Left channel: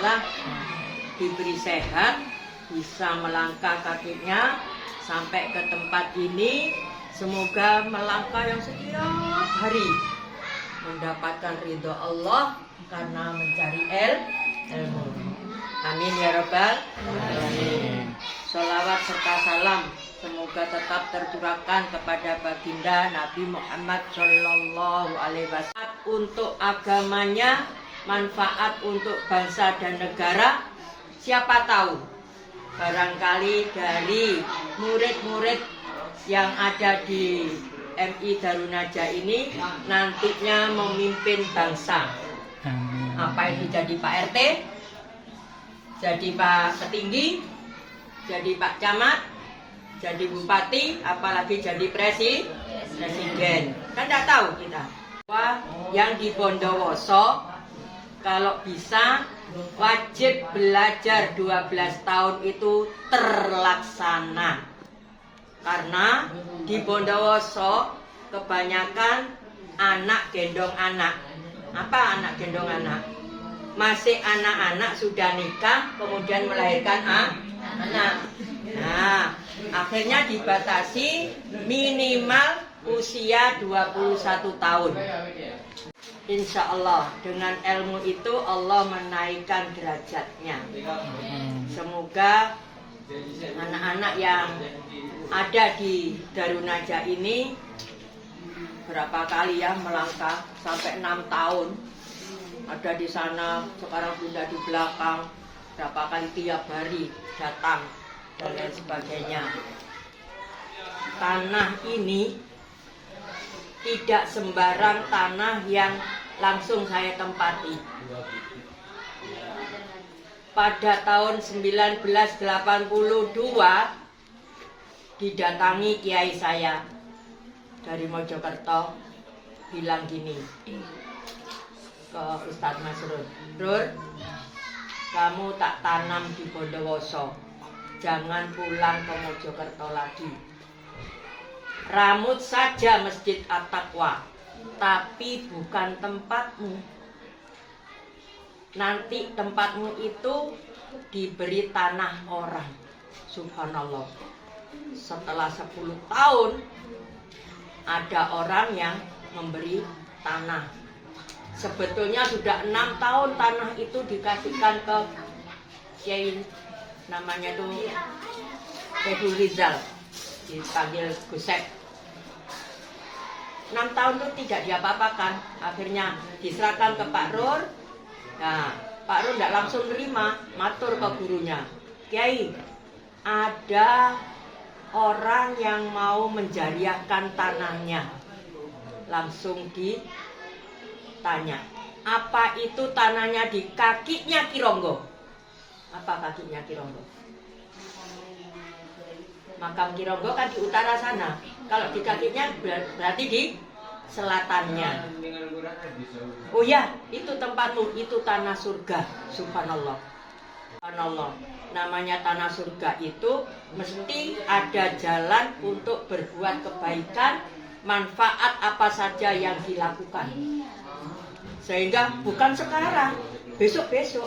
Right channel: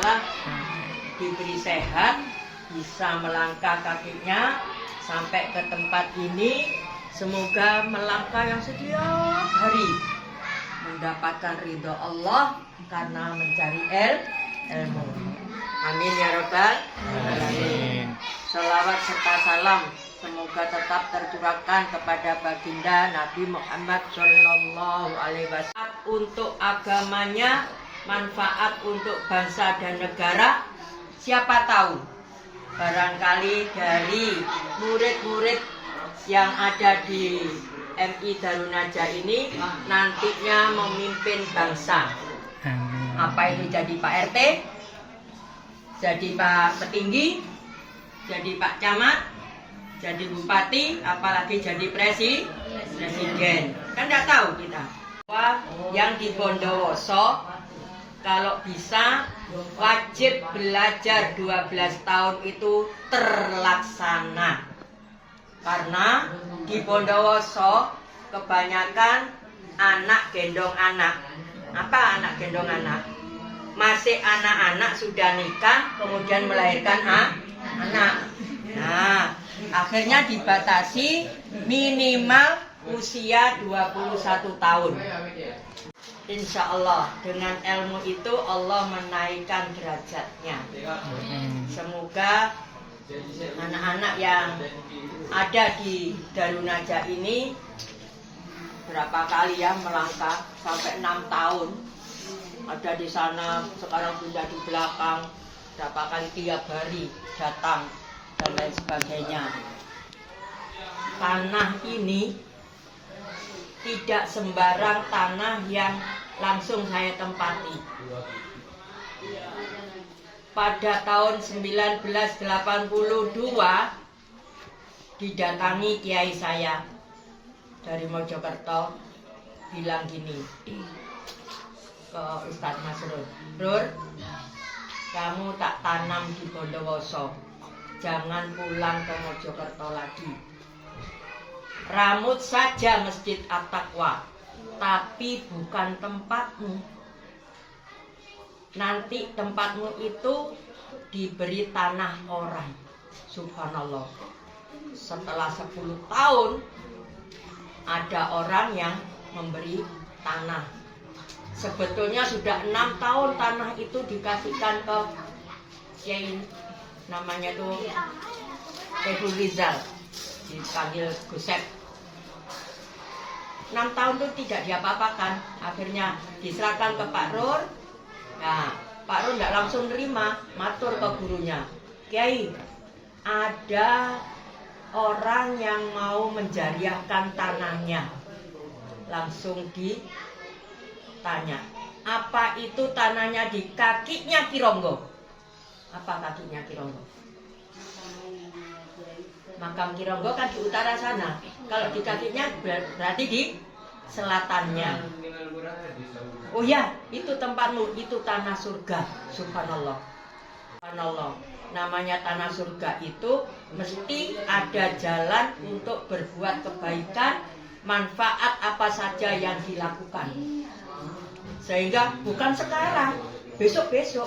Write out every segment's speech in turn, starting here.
Ta'ala diberi sehat, bisa melangkah kakinya sampai ke tempat ini. Semoga melangkah yang setiap hari mendapatkan ridho Allah karena mencari ilmu. Amin ya Rabbal alamin. Sholawat serta salam semoga tetap tercurahkan kepada baginda Nabi Muhammad Shallallahu Alaihi Wasallam untuk agamanya, manfaat untuk bangsa dan negara. Siapa tahu barangkali dari murid-murid yang ada di MI Darun Najah ini nantinya memimpin bangsa. Amin. Apa itu jadi Pak RT, jadi Pak Petinggi, jadi Pak Camat, jadi Bupati, apalagi jadi Presiden. Kan tidak tahu kita. Yang di Bondowoso kalau bisa wajib belajar 12 tahun itu terlaksana. Karena di Bondowoso kebanyakan anak gendong anak. Apa anak gendong anak? Masih anak-anak sudah nikah kemudian melahirkan anak. Nah, akhirnya dibatasi minimal usia 21 tahun. Insya Allah dengan ilmu itu Allah menaikkan derajatnya. Semoga anak-anak yang ada di Darun Najah ini berapa kali ya melangkah sampai 6 tahun ada di sana, sekarang pindah di belakang, berapa kali tiap hari datang dan lain sebagainya. Tanah ini tidak sembarang tanah yang langsung saya tempati. Pada tahun 1982 didatangi kiai saya dari Mojokerto, bilang gini ke Ustadz Masrur, Rur, kamu tak tanam di Bondowoso, jangan pulang ke Mojokerto lagi. Ramut saja Masjid At-Taqwa, tapi bukan tempatmu. Nanti tempatmu itu diberi tanah orang. Subhanallah. Setelah 10 tahun ada orang yang memberi tanah. Sebetulnya sudah 6 tahun tanah itu dikasihkan ke Kiai, namanya tuh Saiful Rizal, dipanggil Guset. 6 tahun itu tidak diapa-apakan. Akhirnya diserahkan ke Pak Rur. Nah, Pak Rur tidak langsung nerima, matur ke gurunya, Kiai, ada orang yang mau menjariahkan tanahnya. Langsung ditanya, apa itu tanahnya di kakinya Kironggo? Apa kakinya Kironggo? Makam Kironggo kan di utara sana. Kalau di kakinya berarti di selatannya. Oh ya, itu tempatmu, itu tanah surga. Subhanallah. Subhanallah. Namanya tanah surga itu mesti ada jalan untuk berbuat kebaikan, manfaat apa saja yang dilakukan. Sehingga bukan sekarang, besok-besok.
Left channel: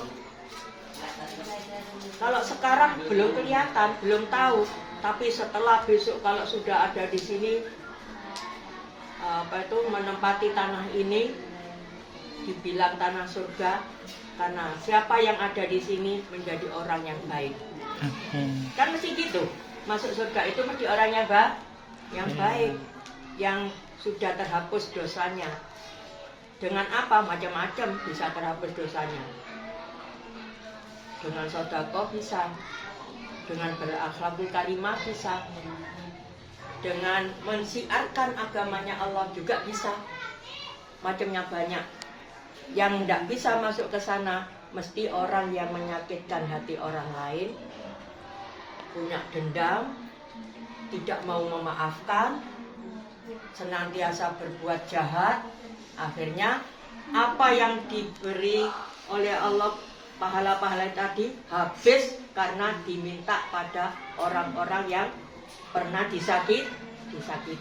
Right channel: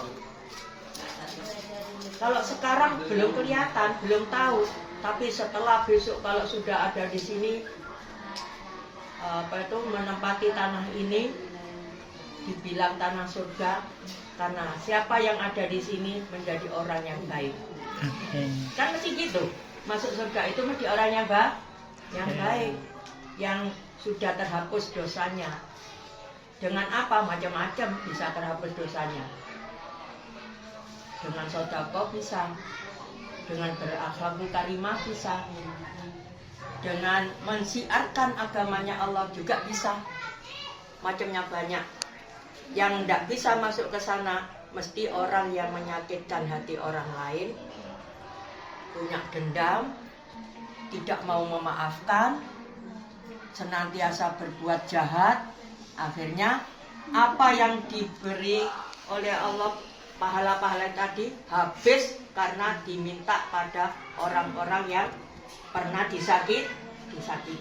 Kalau sekarang belum kelihatan, belum tahu, tapi setelah besok kalau sudah ada di sini menempati tanah ini, dibilang tanah surga, karena siapa yang ada di sini menjadi orang yang baik. Kan mesti gitu. Masuk surga itu mesti orang yang baik, yang sudah terhapus dosanya. Dengan apa? Macam-macam bisa terhapus dosanya. Dengan sedekah bisa, dengan berakhlakul karimah bisa, dengan mensiarkan agamanya Allah juga bisa. Macamnya banyak. Yang tidak bisa masuk ke sana mesti orang yang menyakitkan hati orang lain, punya dendam, tidak mau memaafkan, senantiasa berbuat jahat. Akhirnya apa yang diberi oleh Allah, pahala-pahala tadi habis karena diminta pada orang-orang yang pernah disakiti,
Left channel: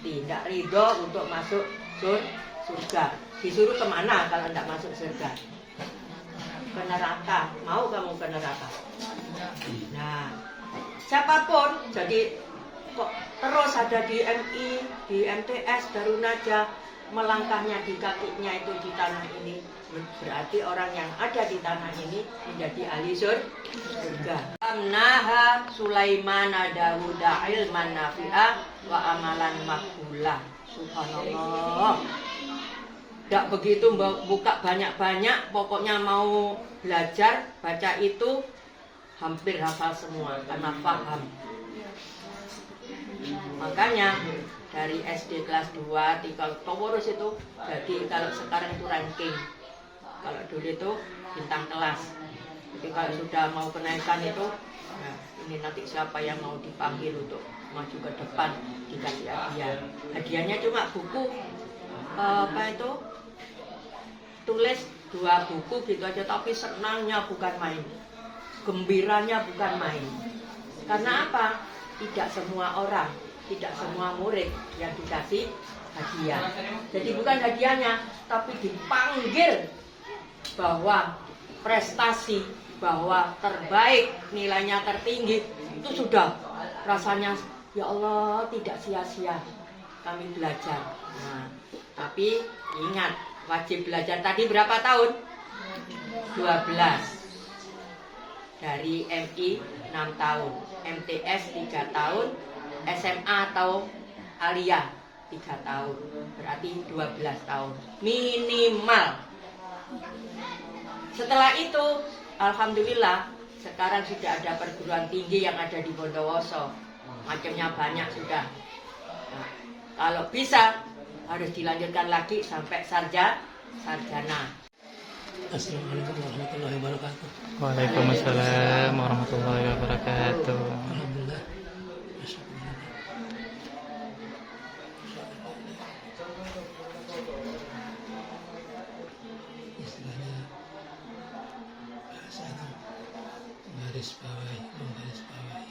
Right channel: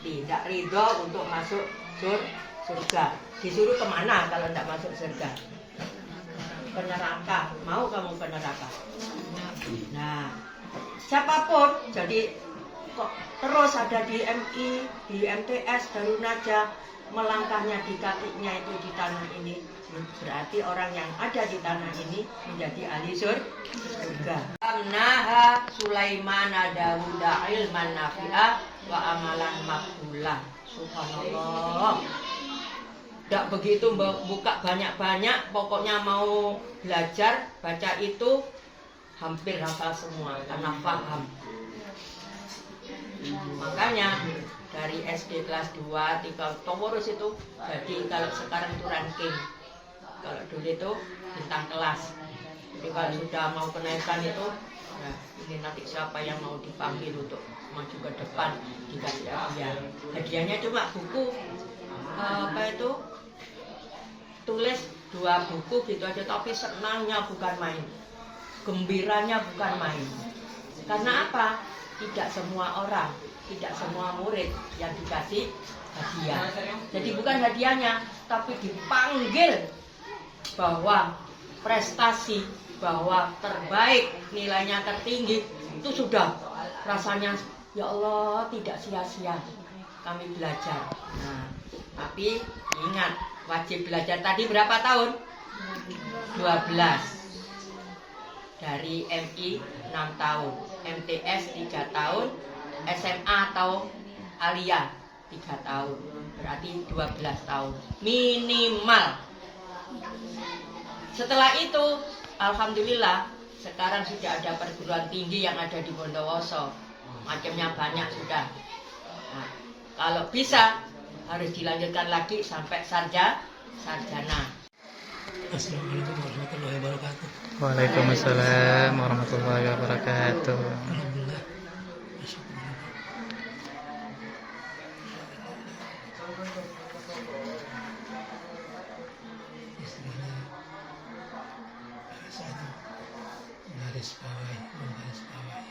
tidak ridho untuk masuk surga. Disuruh kemana kalau tidak masuk surga? ke neraka. Mau kamu ke neraka? Nah, siapapun, jadi kok terus ada di MI, di MTS, Darun Najah, melangkahnya di kakinya itu di tanah ini, berarti orang yang ada di tanah ini menjadi ahli surga. Amnaha Sulaiman Dawuda ilman nafi'ah wa amalan makbulah. Subhanallah. Tidak begitu buka banyak-banyak, pokoknya mau belajar baca itu hampir hafal semua karena paham. Makanya dari SD kelas 2, 3, pengurus itu, jadi kalau sekarang itu ranking. Kalau dulu itu bintang kelas. Jadi kalau sudah mau kenaikan itu, ya, ini nanti siapa yang mau dipanggil untuk maju ke depan dikasih hadiah. Hadiahnya cuma buku, tulis 2 buku gitu aja, tapi senangnya bukan main, gembiranya bukan main. Karena apa? Tidak semua orang, tidak semua murid yang dikasih hadiah. Jadi bukan hadiahnya, tapi dipanggil bahwa prestasi, bahwa terbaik, nilainya tertinggi, itu sudah rasanya ya Allah tidak sia-sia kami belajar. Nah, tapi ingat, wajib belajar tadi berapa tahun? 12. Dari MI 6 tahun, MTS 3 tahun, SMA atau Alia 3 tahun, berarti 12 tahun minimal. Setelah itu, alhamdulillah, sekarang sudah ada perguruan tinggi yang ada di Bondowoso, macamnya banyak sudah. Nah, kalau bisa harus dilanjutkan lagi sampai sarjana. Assalamualaikum warahmatullahi wabarakatuh. Waalaikumsalam warahmatullahi wabarakatuh. Alhamdulillah. Istilahnya bahasa itu garis bawahi, menggaris bawahi.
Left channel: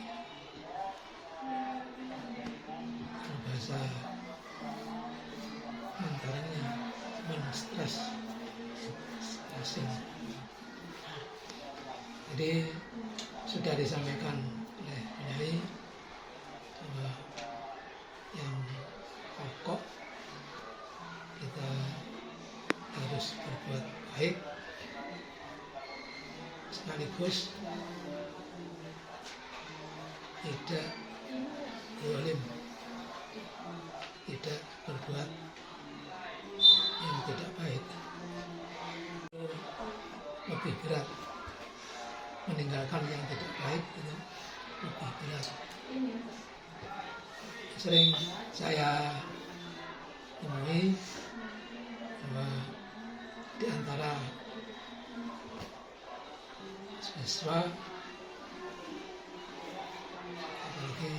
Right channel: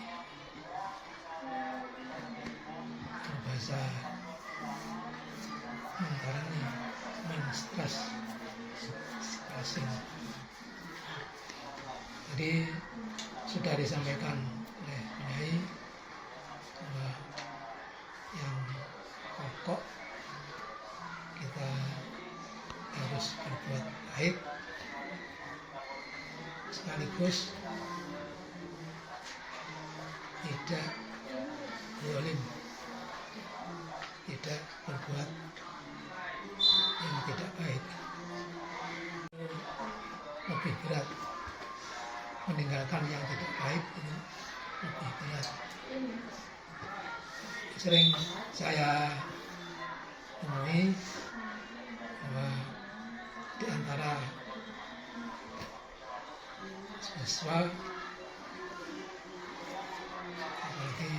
Bahasa antaranya men-stres. Jadi sudah disampaikan oleh Kiai bahwa yang pokok kita harus berbuat baik sekaligus tidak zalim, tidak berbuat yang tidak baik. Lebih berat, meninggalkan yang tidak baik itu lebih berat. Sering saya temui bahwa di antara siswa, apalagi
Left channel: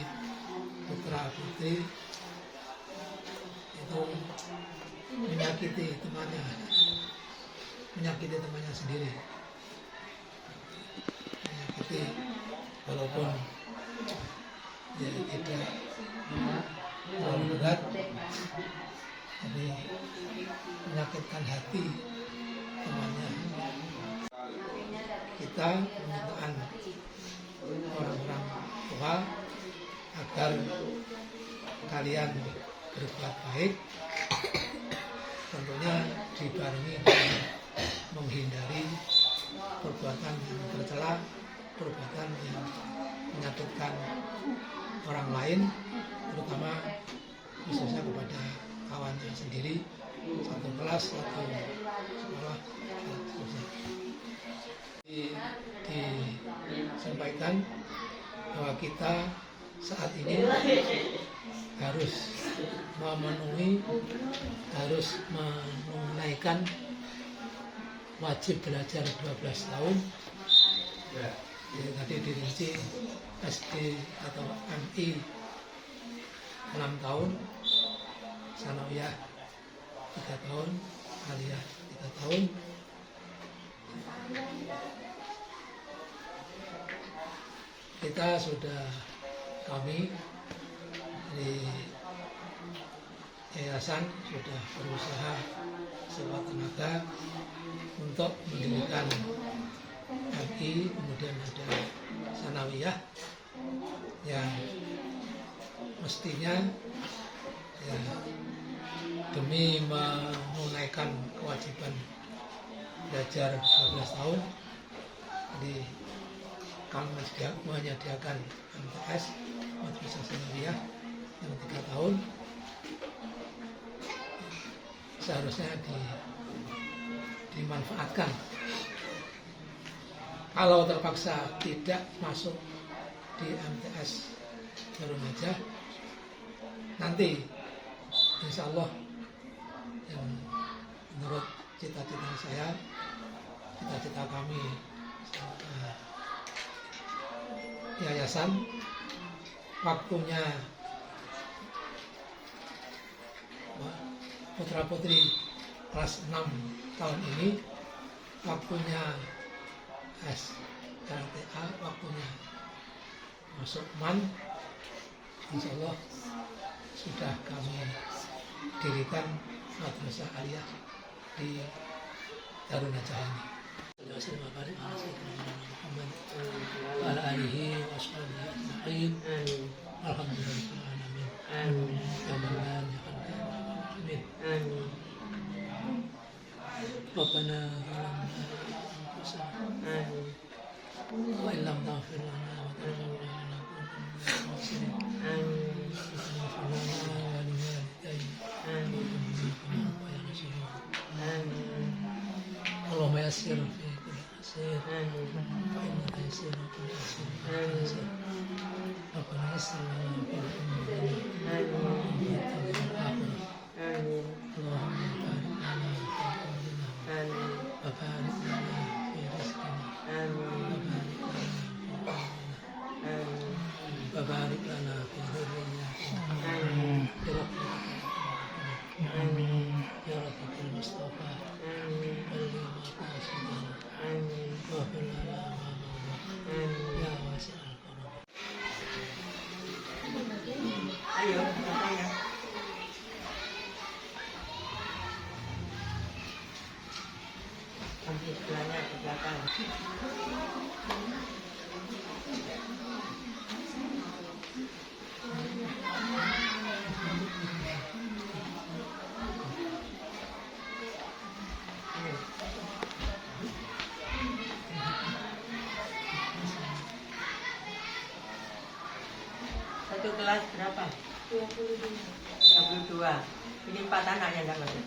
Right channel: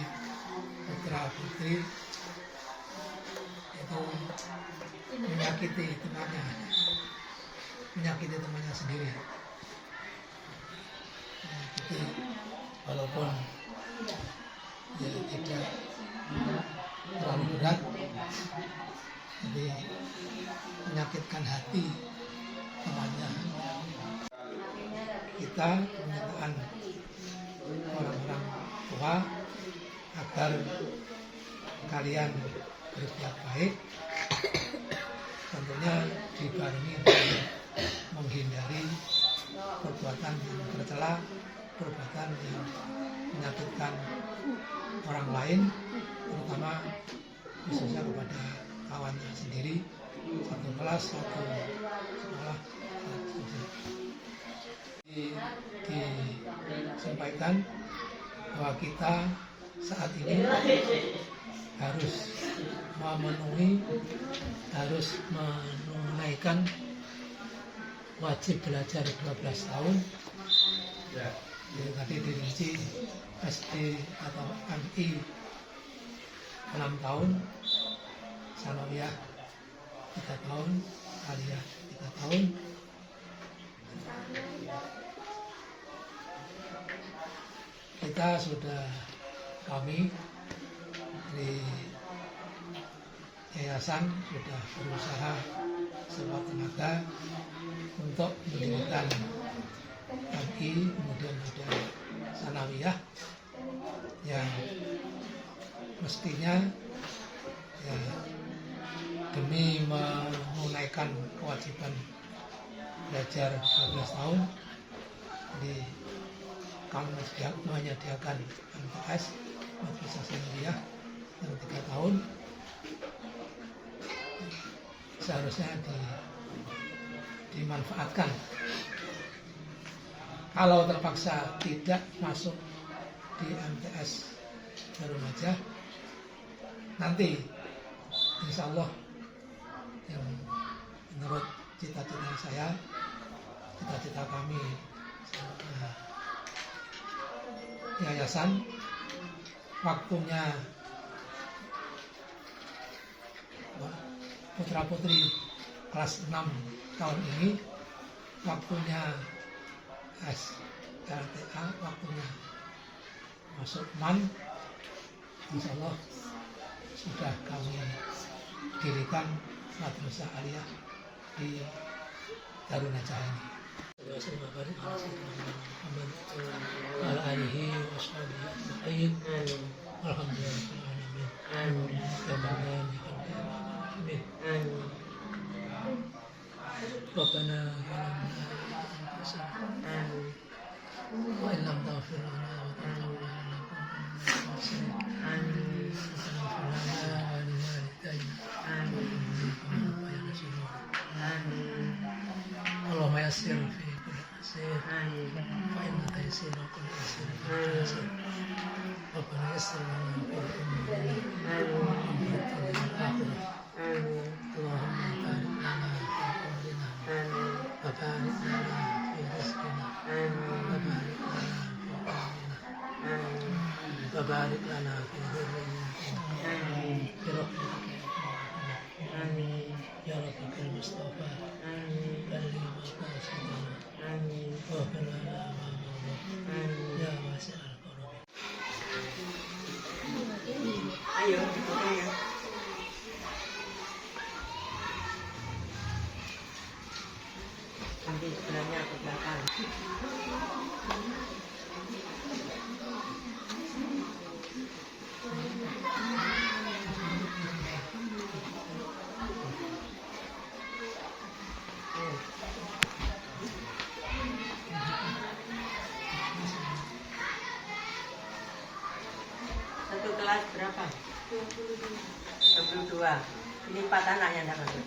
putra putri, itu menyakiti temannya sendiri. Tapi walaupun ya tidak terlalu berat, tapi menyakitkan hati temannya. Kita permintaan orang-orang tua agar kalian berbuat baik, tentunya dibarengi dengan menghindari perbuatan yang tercela, perbuatan yang menyakitkan orang lain, terutama khususnya kepada kawannya sendiri, satu kelas, satu sekolah. Disampaikan bahwa kita saat ini harus menunaikan wajib belajar 12 tahun. Ya, tadi dirinci SD atau MI 6 tahun, Sanawiyah 3 tahun, Aliyah 3 tahun. Kita sudah, kami di yayasan sudah berusaha sekuat tenaga untuk mendirikan MI, kemudian ada Sanawiyah yang mestinya ya, demi menunaikan kewajiban belajar 12 tahun, jadi kami menyediakan MTS Madrasah Sanawiyah yang 3 tahun, seharusnya dimanfaatkan. Kalau terpaksa tidak masuk di MTS Darun Najah, nanti insya Allah yang menurut cita-cita saya, cita-cita kami yayasan, waktunya putra putri kelas 6 tahun ini, waktunya SLTA, waktunya masuk MAN, insya Allah sudah kami dirikan madrasah aliyah di Darun Najah ini. ربنا وإن لم تغفر لنا وترحمنا اللهم يسر في كل عسير فإن تيسير كل عسير ربنا يسر لنا في الدنيا والآخرة اللهم بارك لنا في أمرنا وبارك لنا في رزقنا وبارك لنا في أمرنا وبارك لنا في ذرياتنا برحمتك يا رب المصطفى بلغ مقاصدنا واغفر لنا ما مضى يا واسع الكرم. Ayo, ayo. Nanti sebelahnya ke belakang. Satu kelas berapa? 22. Ini 4 anaknya enggak masuk.